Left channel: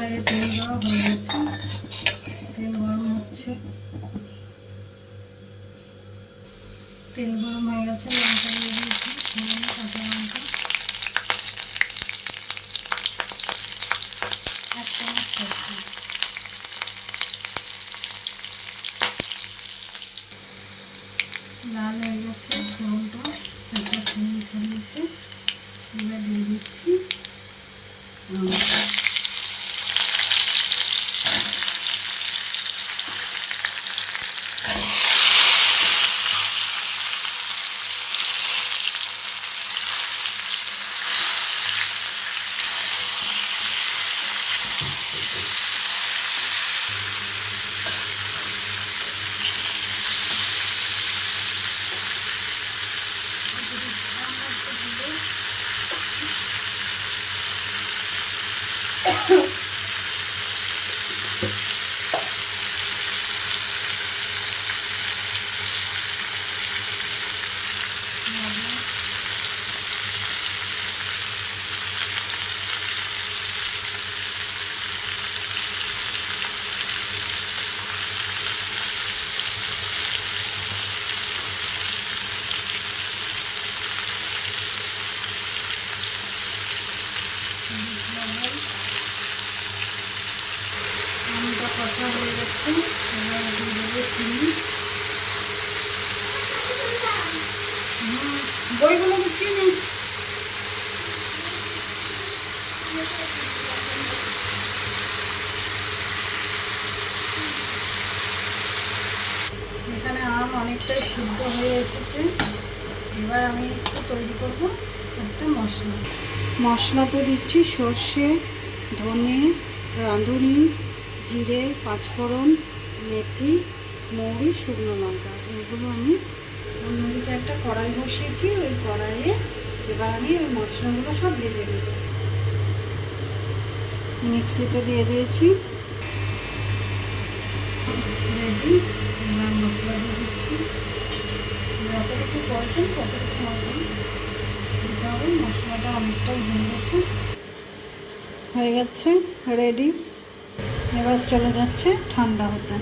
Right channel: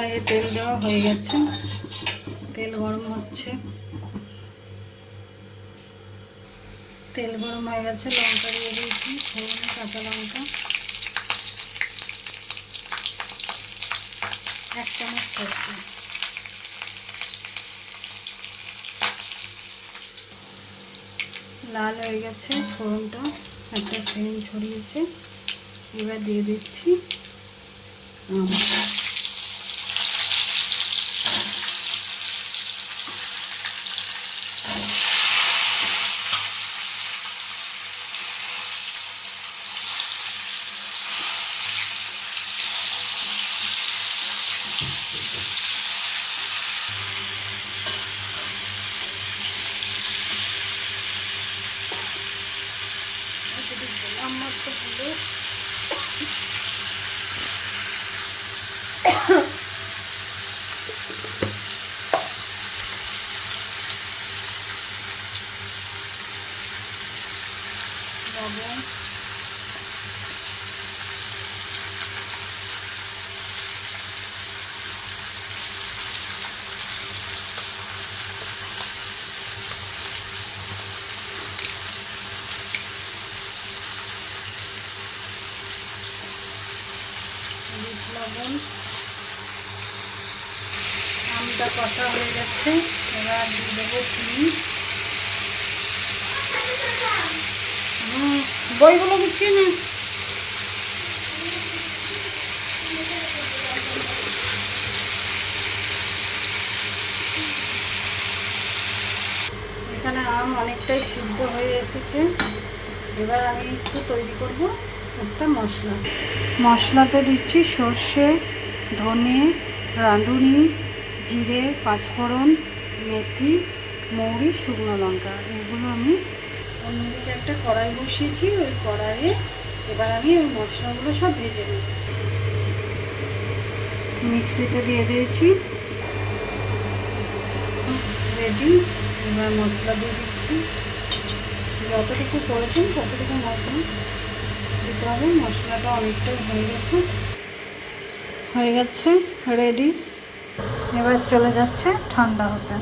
কড়াইয়ে তেল দেওয়া হয়ে যাচ্ছে, তেল গরম হচ্ছে। তেল গরম হয়ে গেছে, লঙ্কা দিয়ে দিয়েছি, কাঁচা লঙ্কা 1 চামচ সরষে, লাল হয়ে গেছে ফোড়নটা, একটা সেন্ট ছড়িয়েছে। এবার দিয়ে দিচ্ছি আমটা কষা হয়ে যাচ্ছে। এবার দিয়ে দেবো চিনি, বইগুলো গুছিয়ে নিন। এখানে আম অনেকটাই সিদ্ধ হয়ে এসেছে। এবার আমি একটু তৈরি করব একটা মশলা। মশলাতে দিচ্ছি সর্ষে, ধনে, রাঁধুনি, জিরে, পাঁচফোড়ন, মেথি, মৌরি, শুকনো লঙ্কা। এগুলো আমি অন্য একটা কড়াই বসিয়েছি, ওই কড়াইয়ে এবার আমি ওই মশলাগুলো সব ভেজে নেব। মিক্সিতে দিয়ে দিয়েছি, রেডি। এবার মশলা দিয়ে দিচ্ছি, যতটুকু প্রয়োজন ততটুকু মশলা দিতে হবে। মশলাটা অনেকটাই হয়ে গেছে, রেডি। এবার চলে যাচ্ছে ঠান্ডা হতে।